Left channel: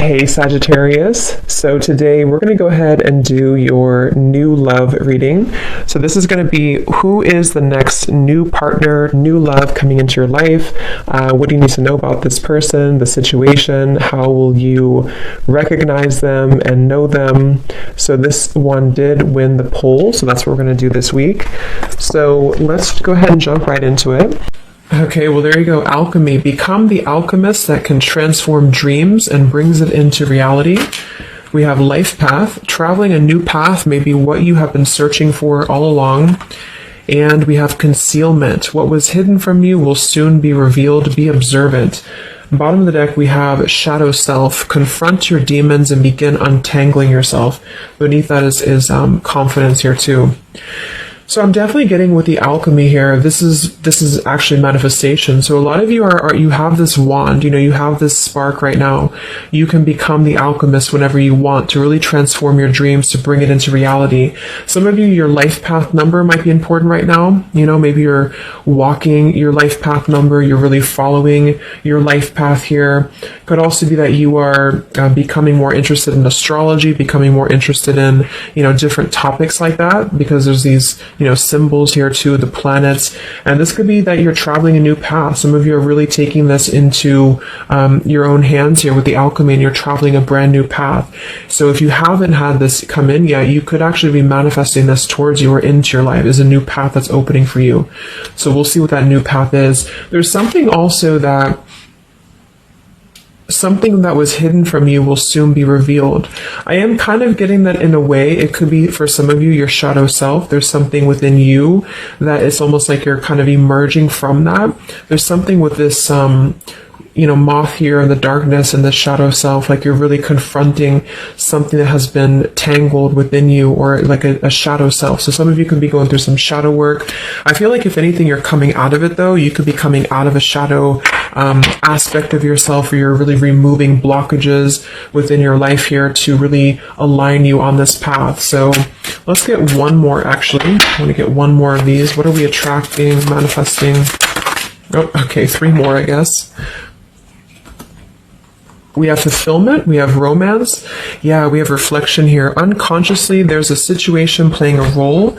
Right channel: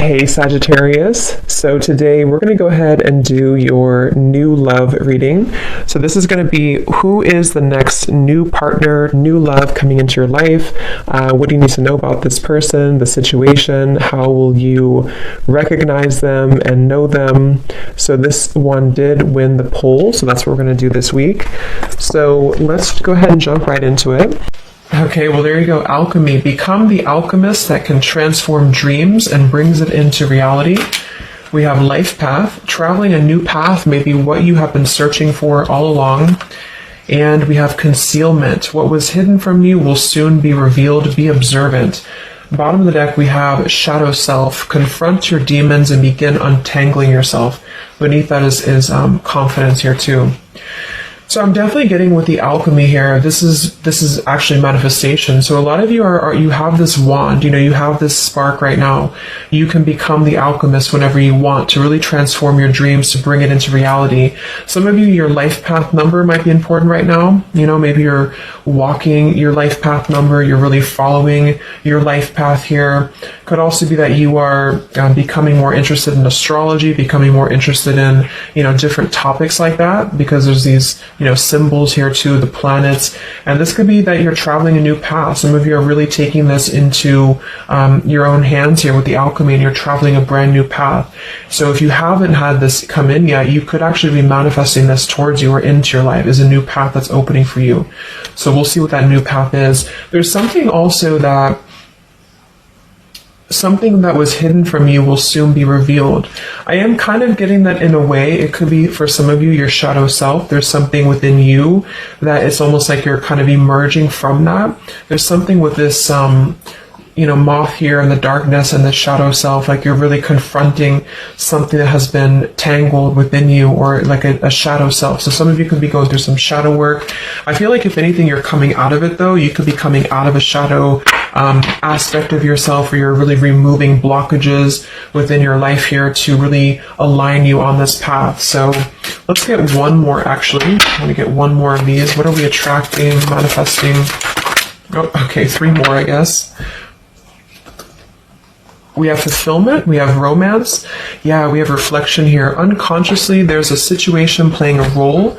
Hey Sagittarius, so today we're going to go ahead and do your new love reading. So this is going to be who is the next new partner, new love coming into your life. What do you need to know about this person, the situation? How will you recognize them and know them? So this one did win the poll, so that's what we're going to do this week. So let's go ahead and jump right into it. Okay, well there you go, alchemy. Become the alchemist that can transform dreams and brings it into reality. We have life path. Traveling a new path may be what you have been searching for all along. And we have concealment. What was hidden from you will soon be revealed. Be observant. Bottom of the deck, we have shadow self. Confront your demons and begin untangling yourself. Beneath that is confidence here too. So I'm definitely getting with the alchemy here. This is actually manifestation. So a lot of you you have this wand, you have this spark right now. You can become the alchemist whenever you want to really transform your dreams, to bring it into reality. Some of you, your life path number might be important right now. Maybe you're walking your life path number. You're really following your life path here. Could also be that you are becoming more interested in astrology, becoming more interested in, different topics like that, because there's these symbols here too, the planets. And this could be that you're traveling a new path. Some of you are really taking this into your own hands here with the alchemy, and you're traveling a brand new path. So if you haven't had this come in yet, you could actually be manifesting this towards you or into your life as a new path that's opening for you. So we'll see what that new path is. There's something also that something that was hidden from you will soon be revealed. I am kind of getting that in a way. It could be for some of you, your shadow self. There's something within you that it's almost like you're kind of emerging from that. There's something with this, moth here in the darkness and the shadow self, like you're really confronting something that has been tangled within you, or like a shadow self. So some of you could be going through some shadow work. I feel like if anything, you're coming out of it though. You could be coming out of a shadow aspect of yourself where you're really removing blockages within your life here to really align you on this path. So let's get one more actually. I want to get one more of these. What are we attracting, manifesting? Oh, okay, 3 more, I guess. We have fulfillment, we have romance, we have reflection here. Unconsciously, there's a situation playing a role,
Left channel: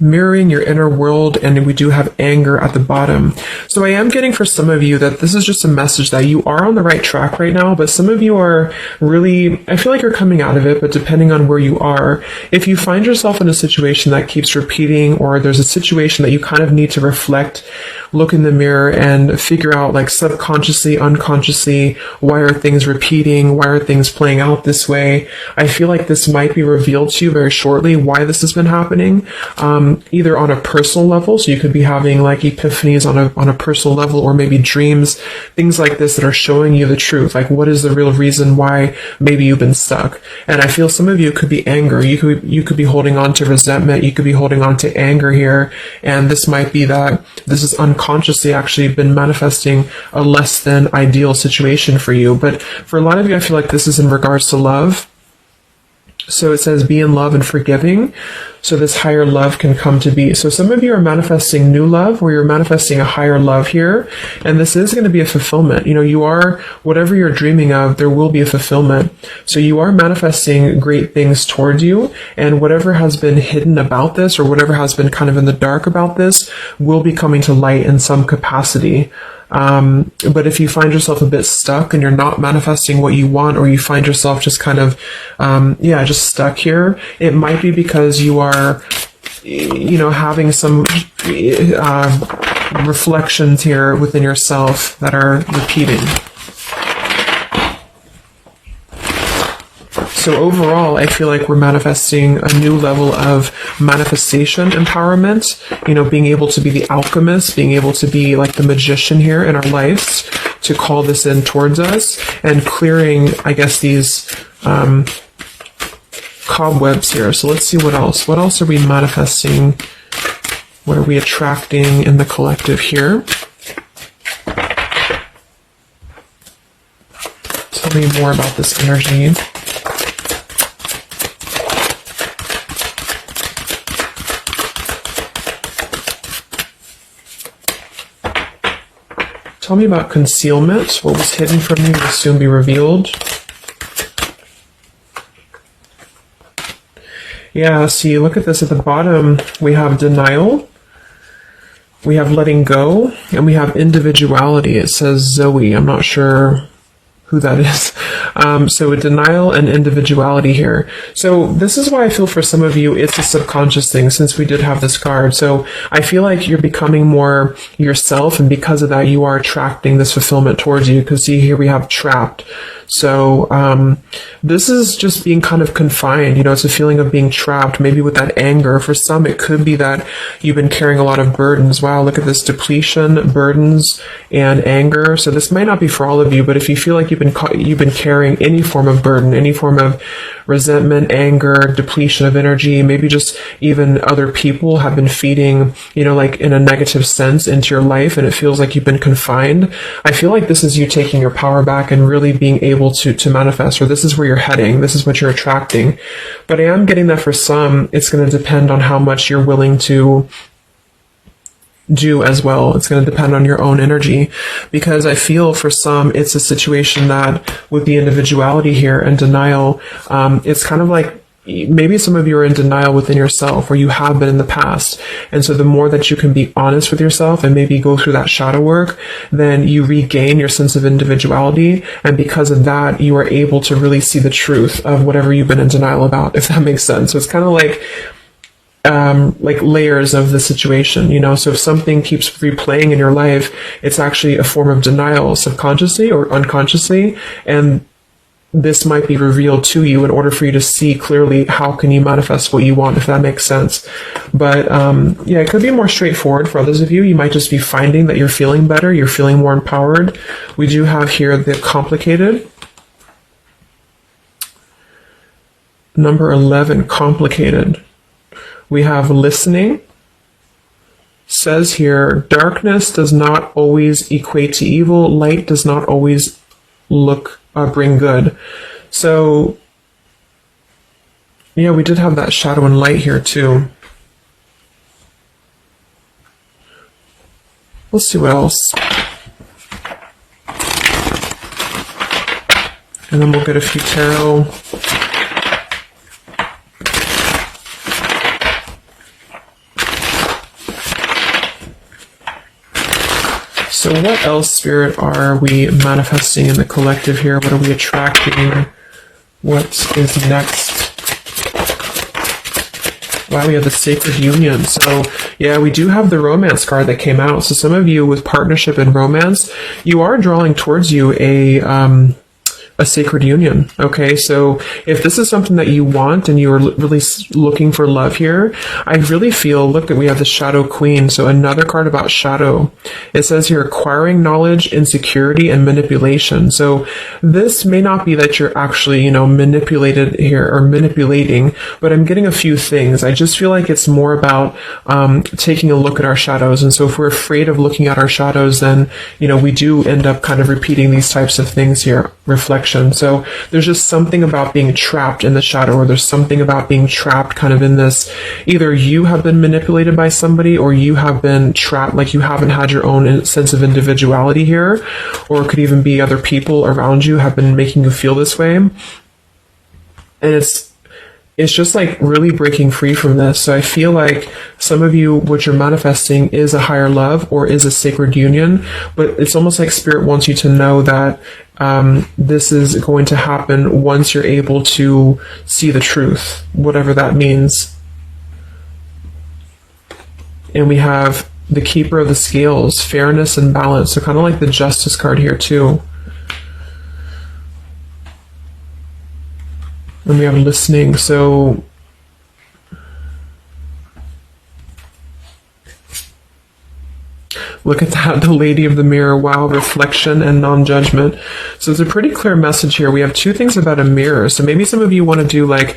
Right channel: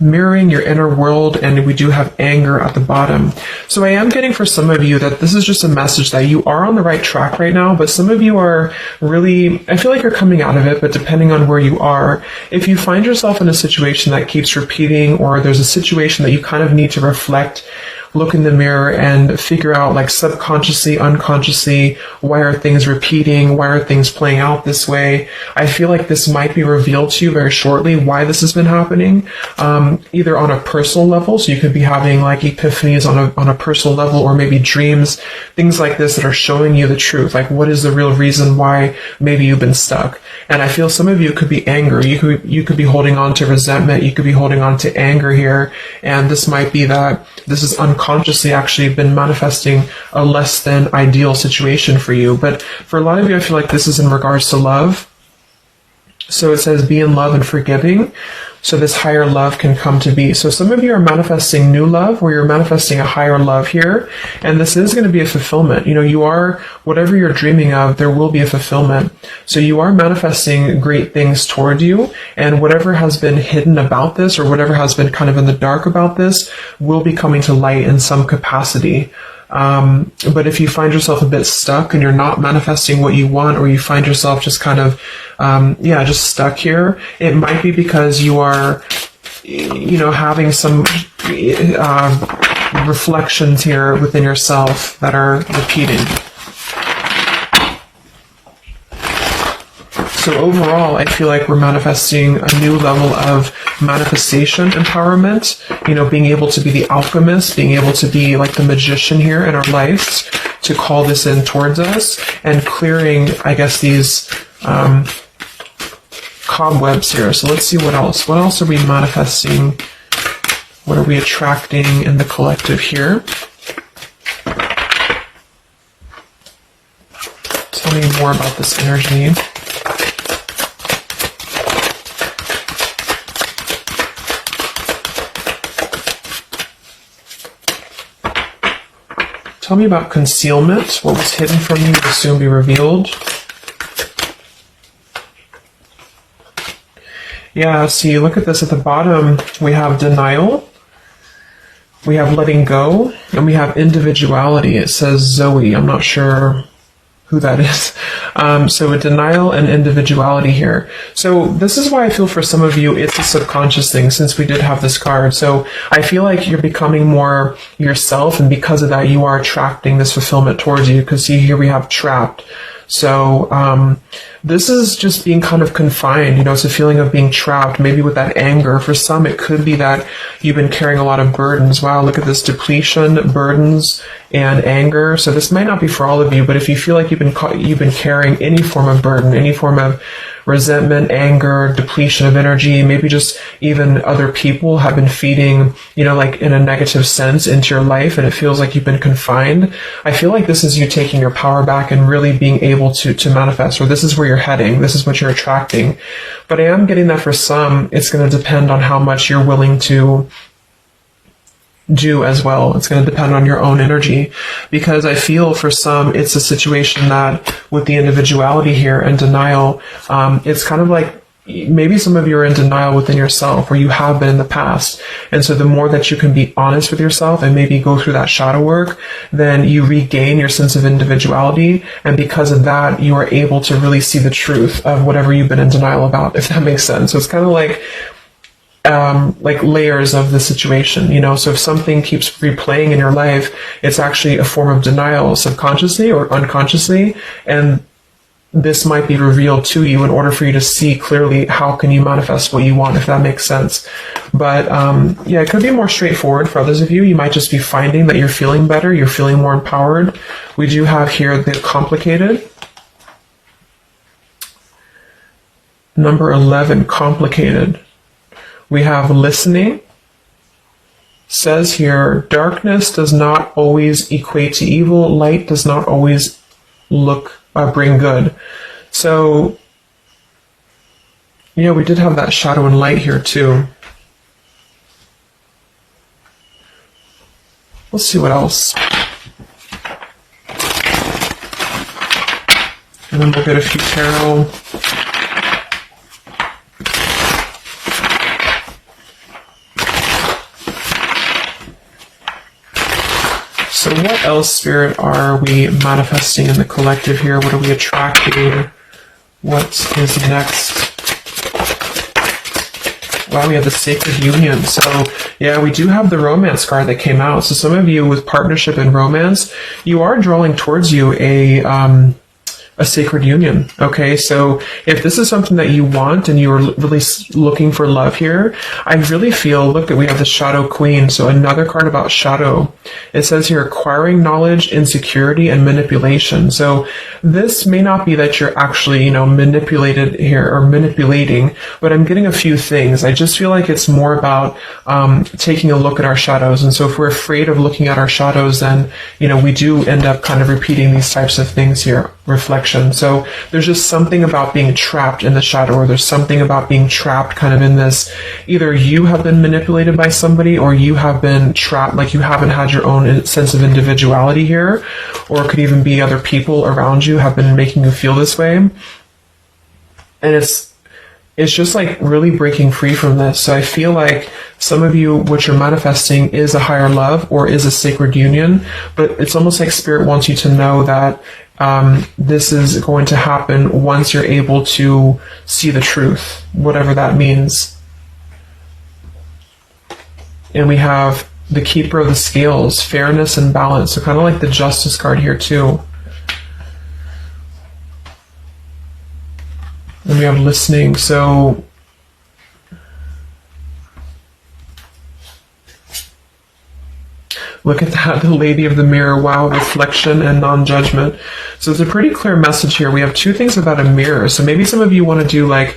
mirroring your inner world, and we do have anger at the bottom. So I am getting for some of you that this is just a message that you are on the right track right now, but some of you are really, I feel like you're coming out of it, but depending on where you are, if you find yourself in a situation that keeps repeating, or there's a situation that you kind of need to reflect, look in the mirror and figure out, like, subconsciously, unconsciously, why are things repeating? Why are things playing out this way? I feel like this might be revealed to you very shortly, why this has been happening, either on a personal level. So you could be having like epiphanies on a personal level, or maybe dreams, things like this that are showing you the truth. Like, what is the real reason why maybe you've been stuck? And I feel some of you could be anger. You could be holding on to resentment. You could be holding on to anger here. And this might be that this is unconsciously actually been manifesting a less than ideal situation for you. But for a lot of you, I feel like this is in regards to love. So it says be in love and forgiving, so this higher love can come to be. So some of you are manifesting new love, or you're manifesting a higher love here, and this is going to be a fulfillment. You are, whatever you're dreaming of, there will be a fulfillment. So you are manifesting great things towards you, and whatever has been hidden about this, or whatever has been kind of in the dark about this, will be coming to light in some capacity. But if you find yourself a bit stuck and you're not manifesting what you want, or you find yourself just kind of, just stuck here, it might be because you are, having some reflections here within yourself that are repeating. So overall, I feel like we're manifesting a new level of manifestation empowerment, being able to be the alchemist, being able to be like the magician here in our lives, to call this in towards us, and clearing, I guess, these cobwebs here. So let's see what else. What else are we manifesting? What are we attracting in the collective here? Tell me more about this energy. Tell me about concealment. What was hidden from you will soon be revealed. Yeah, so you look at this at the bottom, we have denial, we have letting go, and we have individuality. It says Zoe. I'm not sure who that is. So denial and individuality here. So this is why I feel for some of you it's a subconscious thing, since we did have this card. So I feel like you're becoming more yourself, and because of that you are attracting this fulfillment towards you, because see, here we have trapped. So this is just being kind of confined, it's a feeling of being trapped, maybe with that anger. For some, it could be that you've been carrying a lot of burdens. Wow, look at this: depletion, burdens, and anger. So this might not be for all of you, but if you feel like you've been carrying any form of burden, any form of resentment, anger, depletion of energy, maybe just even other people have been feeding, like in a negative sense into your life, and it feels like you've been confined. I feel like this is you taking your power back and really being able to manifest, or this is where you're heading, this is what you're attracting. But I am getting that for some, it's going to depend on how much you're willing to do as well. It's going to depend on your own energy, because I feel for some it's a situation that with the individuality here and denial, it's kind of like maybe some of you are in denial within yourself, or you have been in the past. And so the more that you can be honest with yourself and maybe go through that shadow work, then you regain your sense of individuality. And because of that, you are able to really see the truth of whatever you've been in denial about, if that makes sense. So it's kind of like layers of the situation, so if something keeps replaying in your life, it's actually a form of denial, subconsciously or unconsciously, and this might be revealed to you in order for you to see clearly how can you manifest what you want, if that makes sense. But it could be more straightforward for others of you. You might just be finding that you're feeling better, you're feeling more empowered. We do have here the complicated. Number 11, complicated. We have listening. Says here, darkness does not always equate to evil. Light does not always bring good. So, we did have that shadow and light here too. Let's see what else. And then we'll get a few tarot. So what else, Spirit, are we manifesting in the collective here? What are we attracting? What is next? Wow, we have the sacred union. So, we do have the romance card that came out. So some of you with partnership and romance, you are drawing towards you a sacred union. Okay, so if this is something that you want and you're really looking for love here, I really feel, look, that we have the Shadow Queen. So another card about shadow. It says here, acquiring knowledge, insecurity, and manipulation. So this may not be that you're actually, manipulated here or manipulating, but I'm getting a few things. I just feel like it's more about taking a look at our shadows. And so if we're afraid of looking at our shadows, then, we do end up kind of repeating these types of things here, reflection. So there's just something about being trapped in the shadow, or there's something about being trapped kind of in this, either you have been manipulated by somebody, or you have been trapped, like you haven't had your own sense of individuality here, or it could even be other people around you have been making you feel this way. And it's just like really breaking free from this. So I feel like some of you, what you're manifesting is a higher love or is a sacred union, but it's almost like Spirit wants you to know that this is going to happen once you're able to see the truth, whatever that means. And we have the Keeper of the Scales, fairness and balance. So kind of like the Justice card here too. And we have listening. So look at that, the Lady of the Mirror. Wow, reflection and non-judgment. So it's a pretty clear message here. We have two things about a mirror. So maybe some of you want to do like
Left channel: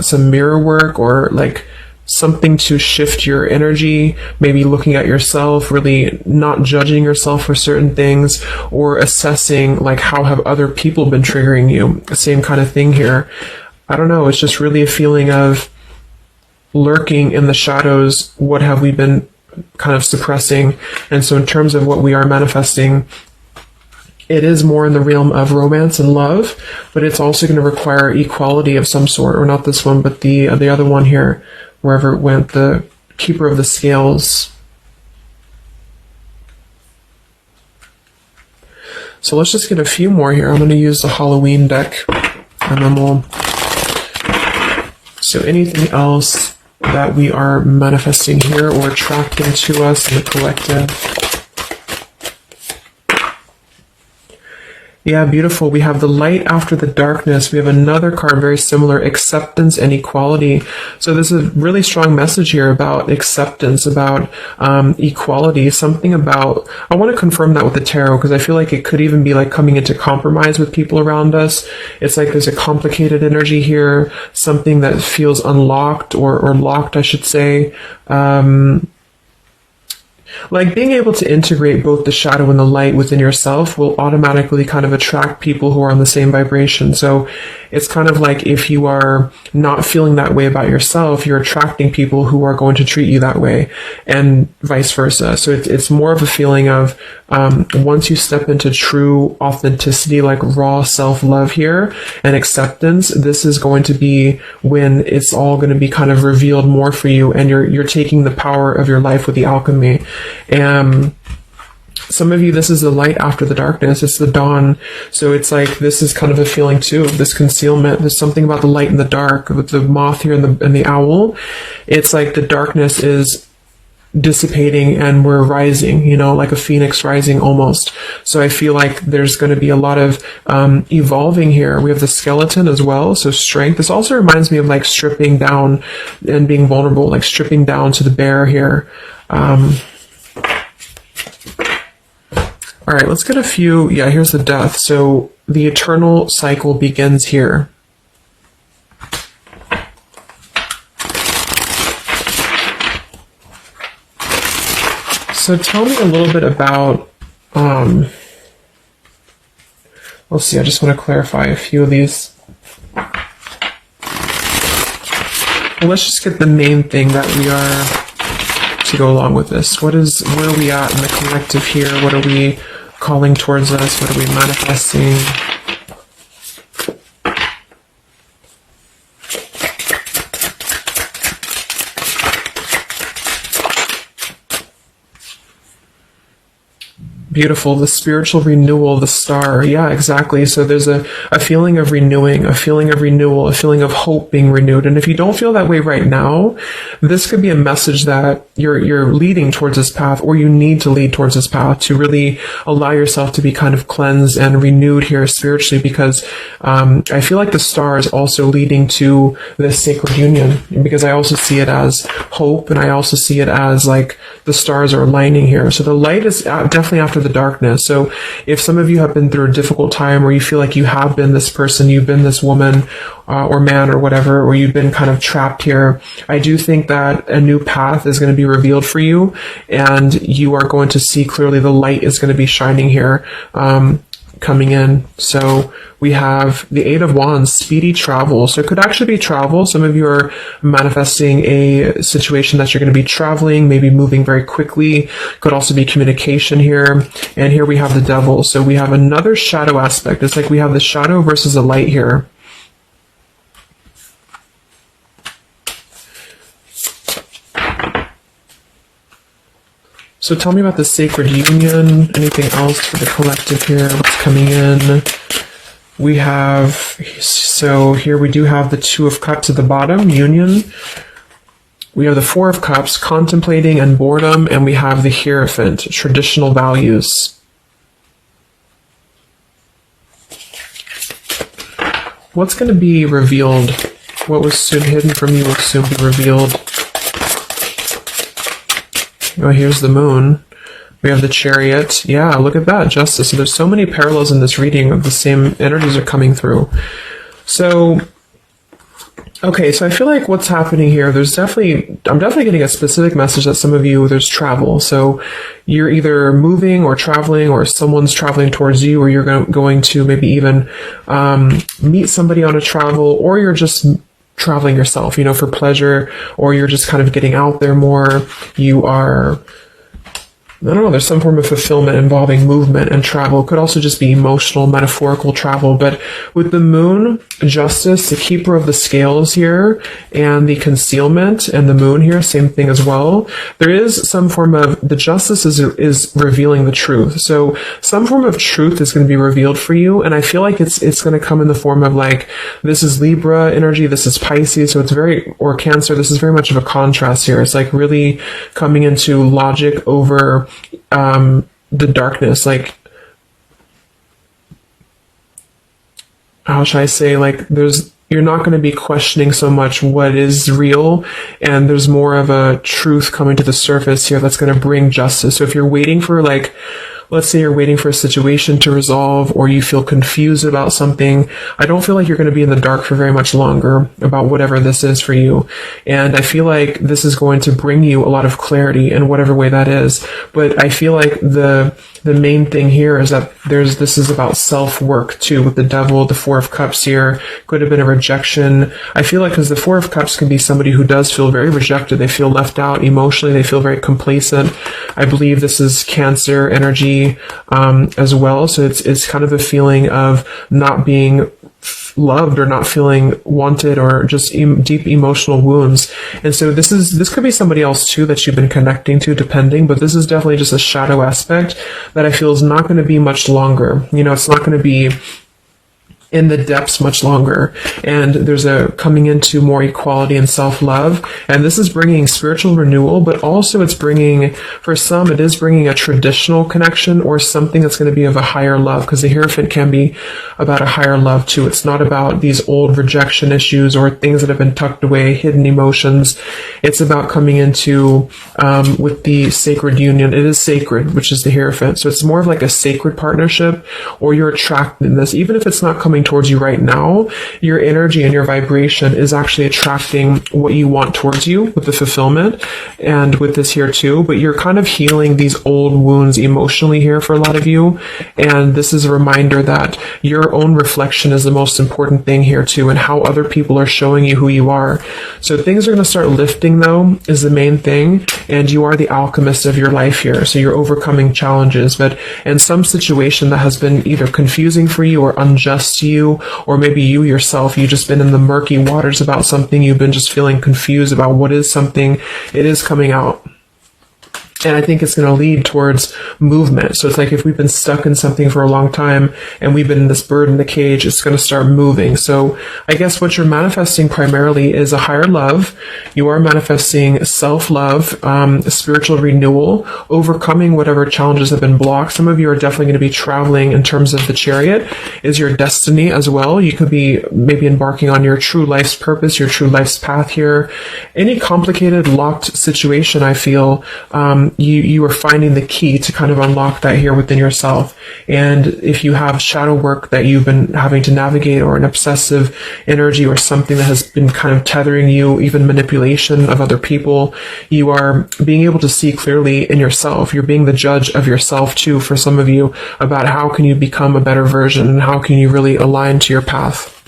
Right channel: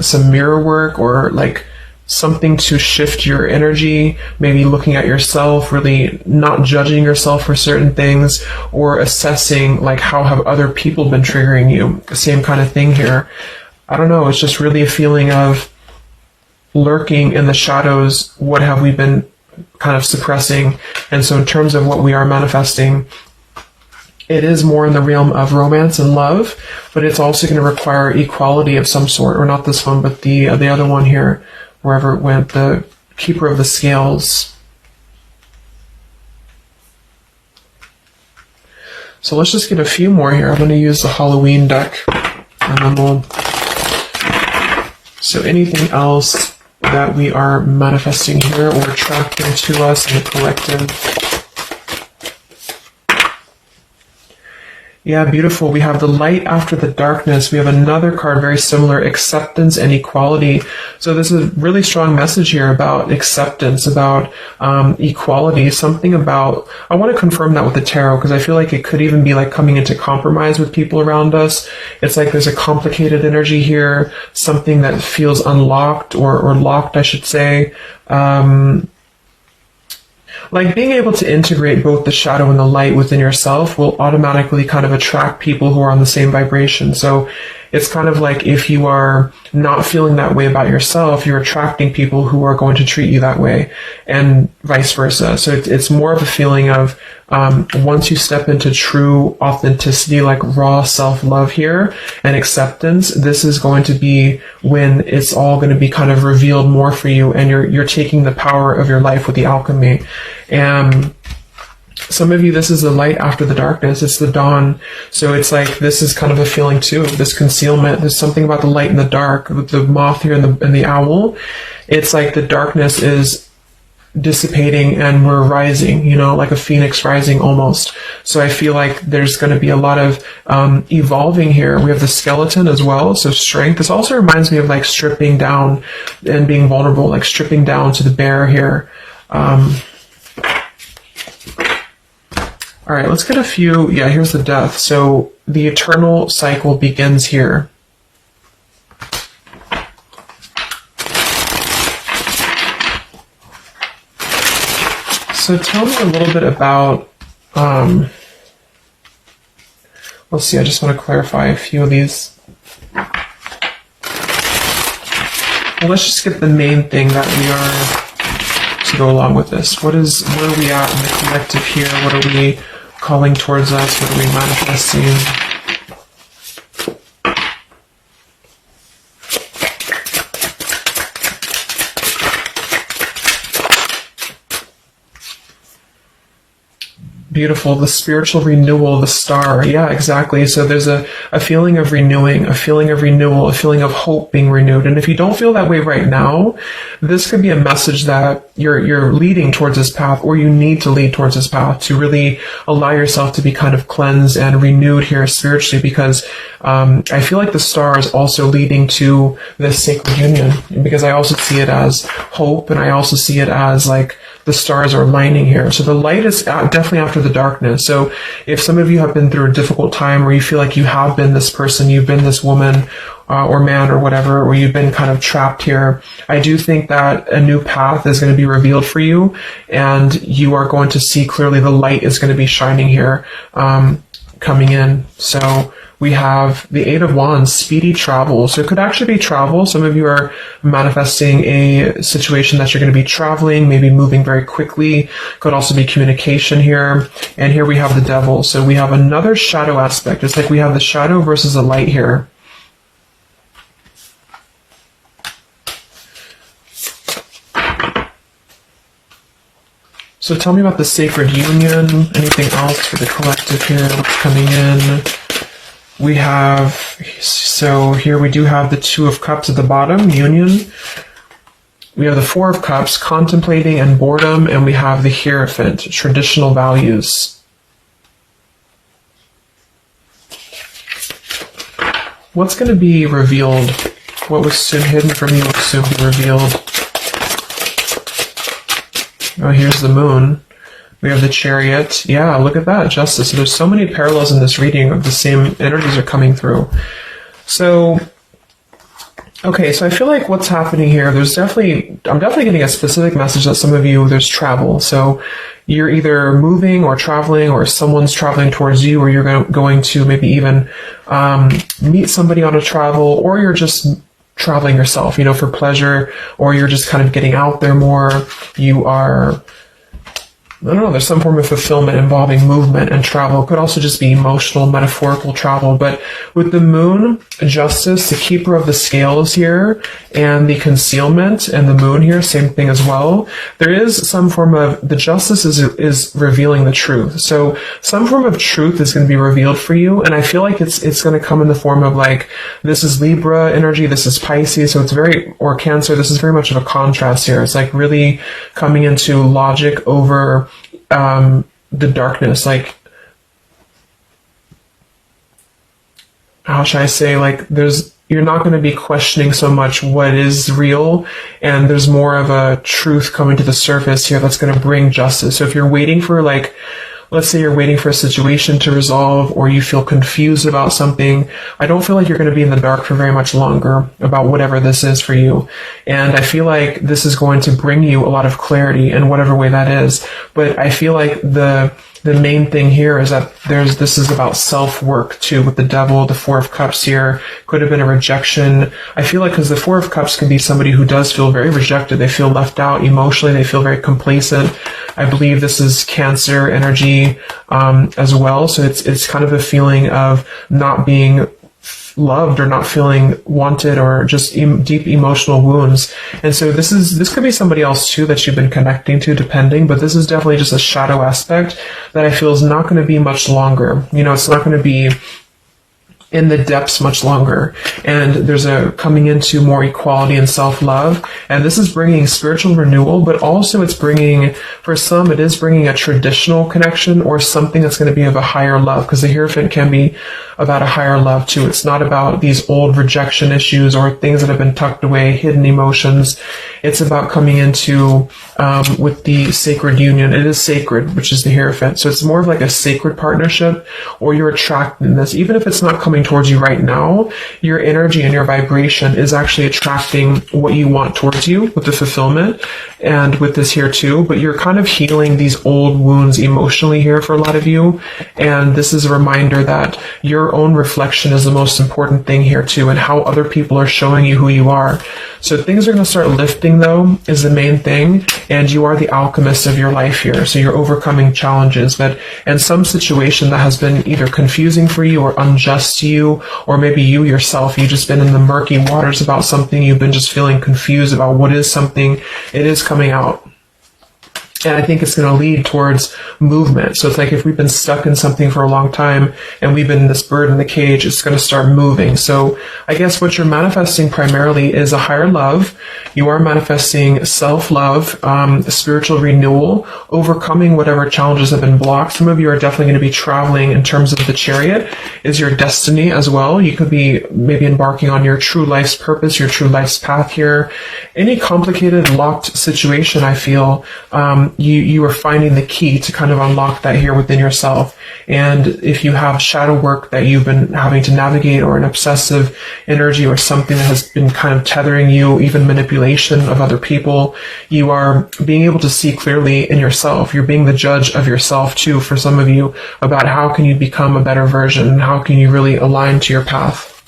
some mirror work, or like something to shift your energy, maybe looking at yourself, really not judging yourself for certain things, or assessing like how have other people been triggering you. Same kind of thing here. I don't know, it's just really a feeling of lurking in the shadows. What have we been kind of suppressing? And so in terms of what we are manifesting, it is more in the realm of romance and love, but it's also going to require equality of some sort, or not this one, but the other one here, wherever it went, the Keeper of the Scales. So let's just get a few more here. I'm going to use the Halloween deck, and then we'll... So anything else that we are manifesting here or attracting to us in the collective? Yeah, beautiful. We have the light after the darkness. We have another card very similar, acceptance and equality. So this is a really strong message here about acceptance, about equality, something about, I want to confirm that with the tarot, because I feel like it could even be like coming into compromise with people around us. It's like there's a complicated energy here, something that feels unlocked or locked, I should say. Like being able to integrate both the shadow and the light within yourself will automatically kind of attract people who are on the same vibration. So it's kind of like if you are not feeling that way about yourself, you're attracting people who are going to treat you that way, and vice versa. So it's more of a feeling of once you step into true authenticity, like raw self-love here and acceptance, this is going to be when it's all going to be kind of revealed more for you, and you're taking the power of your life with the alchemy. And some of you, this is the light after the darkness. It's the dawn. So it's like, this is kind of a feeling too, this concealment. There's something about the light and the dark, with the moth here and the owl. It's like the darkness is dissipating and we're rising, you know, like a phoenix rising almost. So I feel like there's going to be a lot of evolving here. We have the skeleton as well, so strength. This also reminds me of like stripping down and being vulnerable, like stripping down to the bear here. All right, let's get a few. Yeah, here's the death. So the eternal cycle begins here. So tell me a little bit about, let's see, I just want to clarify a few of these. Well, let's just get the main thing that we are to go along with this. Where are we at in the collective here? What are we calling towards us? What are we manifesting? Beautiful. The spiritual renewal, the star. Yeah, exactly. So there's a feeling of renewing, a feeling of renewal, a feeling of hope being renewed. And if you don't feel that way right now, this could be a message that you're leading towards this path, or you need to lead towards this path to really allow yourself to be kind of cleansed and renewed here spiritually, because I feel like the star is also leading to this sacred union, because I also see it as hope, and I also see it as like the stars are aligning here. So the light is definitely after the darkness. So if some of you have been through a difficult time, or you feel like you have been this person, you've been this woman or man or whatever, or you've been kind of trapped here, I do think that a new path is going to be revealed for you, and you are going to see clearly the light is going to be shining here, coming in. So we have the Eight of Wands, speedy travel. So it could actually be travel. Some of you are manifesting a situation that you're going to be traveling, maybe moving very quickly. Could also be communication here. And here we have the Devil. So we have another shadow aspect. It's like we have the shadow versus the light here. So tell me about the sacred union. Anything else for the collective here that's coming in? We have, so here we do have the Two of Cups at the bottom, union. We have the Four of Cups, contemplating and boredom, and we have the Hierophant, traditional values. What's going to be revealed? What was soon hidden from you will soon be revealed. Oh, here's the Moon. We have the Chariot. Yeah, look at that, Justice. And there's so many parallels in this reading. The same energies are coming through. So, okay, so I feel like what's happening here, I'm definitely getting a specific message that some of you, there's travel. So you're either moving or traveling, or someone's traveling towards you, or you're going to maybe even meet somebody on a travel, or you're just traveling yourself, you know, for pleasure, or you're just kind of getting out there more. You are I don't know, there's some form of fulfillment involving movement and travel. It could also just be emotional, metaphorical travel. But with the moon, justice, the keeper of the scales here, and the concealment, and the moon here, same thing as well. There is some form of, the justice is revealing the truth. So some form of truth is going to be revealed for you. And I feel like it's going to come in the form of like, this is Libra energy, this is Pisces. So it's very, or Cancer, this is very much of a contrast here. It's like really coming into logic over the darkness. Like, how should I say, like, you're not going to be questioning so much what is real, and there's more of a truth coming to the surface here that's going to bring justice. So if you're waiting for, like, let's say you're waiting for a situation to resolve, or you feel confused about something, I don't feel like you're going to be in the dark for very much longer about whatever this is for you. And I feel like this is going to bring you a lot of clarity in whatever way that is. But I feel like the main thing here is that this is about self-work too, with the Devil, the Four of Cups here. Could have been a rejection. I feel like, because the Four of Cups could be somebody who does feel very rejected. They feel left out emotionally. They feel very complacent. I believe this is Cancer energy as well. So it's kind of a feeling of not being loved, or not feeling wanted, or just deep emotional wounds. And so this could be somebody else too that you've been connecting to, depending, but this is definitely just a shadow aspect that I feel is not going to be much longer. You know, it's not going to be in the depths much longer. And there's a coming into more equality and self-love. And this is bringing spiritual renewal, but also it's bringing, for some, it is bringing a traditional connection, or something that's going to be of a higher love, because the Hierophant can be about a higher love too. It's not about these old rejection issues or things that have been tucked away, hidden emotions. It's about coming into, with the sacred union. It is sacred, which is the Hierophant. So it's more of like a sacred partnership, or you're attracted in this. Even if it's not coming towards you right now, your energy and your vibration is actually attracting what you want towards you with the fulfillment, and with this here too. But you're kind of healing these old wounds emotionally here for a lot of you. And this is a reminder that your own reflection is the most important thing here too, and how other people are showing you who you are. So things are going to start lifting, though, is the main thing. And you are the alchemist of your life here. So you're overcoming challenges. But in some situation that has been either confusing for you or unjust to you, or maybe you yourself, you've just been in the murky waters about something, you've been just feeling confused about what is something, it is coming out. And I think it's going to lead towards movement. So it's like if we've been stuck in something for a long time and we've been in this bird in the cage, it's going to start moving. So I guess what you're manifesting primarily is a higher love. You are manifesting self-love, spiritual renewal, overcoming whatever challenges have been blocked. Some of you are definitely going to be traveling in terms of the Chariot is your destiny as well. You could be maybe embarking on your true life's purpose, your true life's path here. Any complicated, locked situation, I feel, you are finding the key to kind of unlock that here within yourself. And if you have shadow work that you've been having to navigate, or an obsessive energy, or something that has been kind of tethering you, even manipulation of other people, you are being able to see clearly in yourself. You're being the judge of yourself too, for some of you, about how can you become a better version, and how can you really align to your path.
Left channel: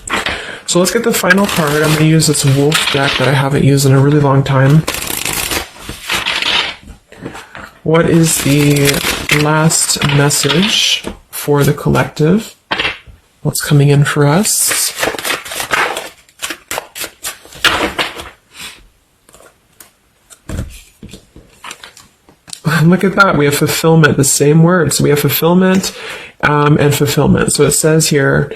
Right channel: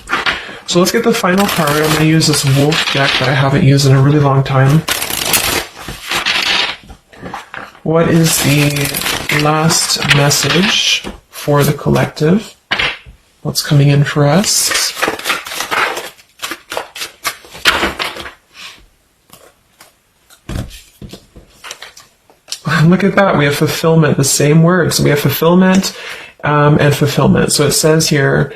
So let's get the final card. I'm going to use this wolf deck that I haven't used in a really long time. What is the last message for the collective? What's coming in for us? Look at that. We have fulfillment, the same words. We have fulfillment and fulfillment. So it says here,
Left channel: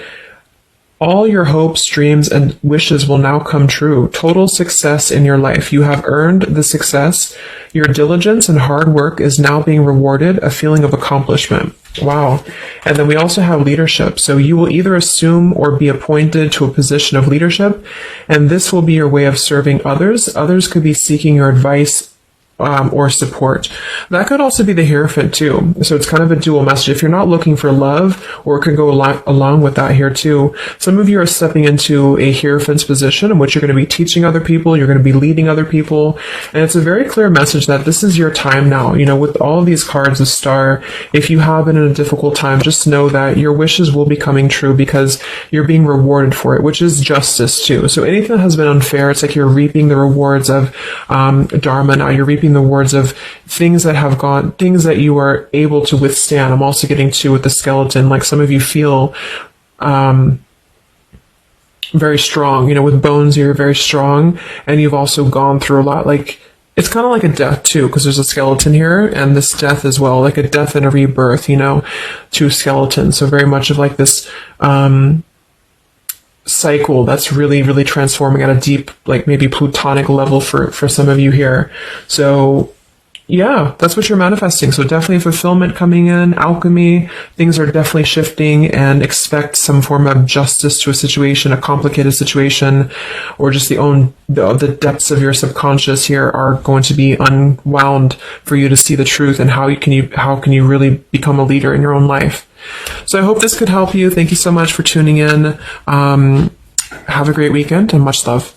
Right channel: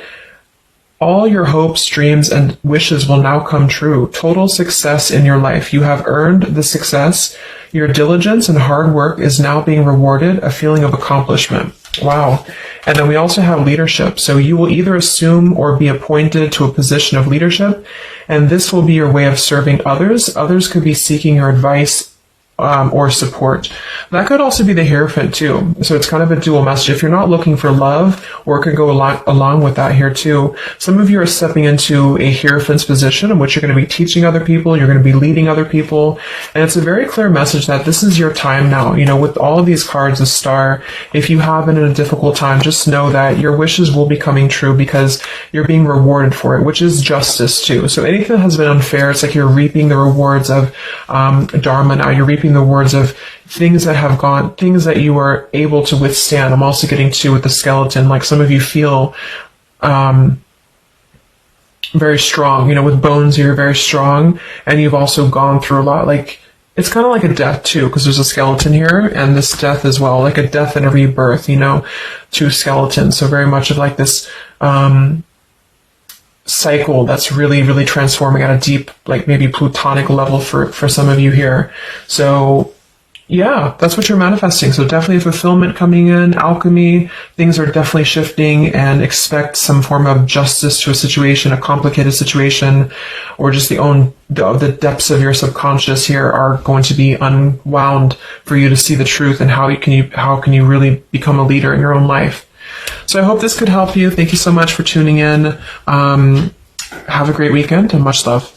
all your hopes, dreams, and wishes will now come true. Total success in your life. You have earned the success. Your diligence and hard work is now being rewarded, a feeling of accomplishment. Wow. And then we also have leadership. So you will either assume or be appointed to a position of leadership, and this will be your way of serving others. Others could be seeking your advice or support. That could also be the Hierophant too. So it's kind of a dual message. If you're not looking for love, or it could go along with that here too. Some of you are stepping into a Hierophant's position in which you're going to be teaching other people, you're going to be leading other people. And it's a very clear message that this is your time now. You know, with all these cards, a star, if you have been in a difficult time, just know that your wishes will be coming true because you're being rewarded for it, which is justice too. So anything that has been unfair, it's like you're reaping the rewards of Dharma now. You're reaping speaking the words of things that you are able to withstand. I'm also getting to with the skeleton, like some of you feel very strong, with bones, you're very strong, and you've also gone through a lot. Like, it's kind of like a death too, because there's a skeleton here, and this death as well, like a death and a rebirth, to skeletons. So very much of like this cycle that's really, really transforming at a deep, like maybe plutonic level for some of you here. So yeah, that's what you're manifesting. So definitely fulfillment coming in, alchemy, things are definitely shifting, and expect some form of justice to a situation, a complicated situation, or just the depths of your subconscious here are going to be unwound for you to see the truth, and how can you really become a leader in your own life. So I hope this could help you. Thank you so much for tuning in. Have a great weekend and much love.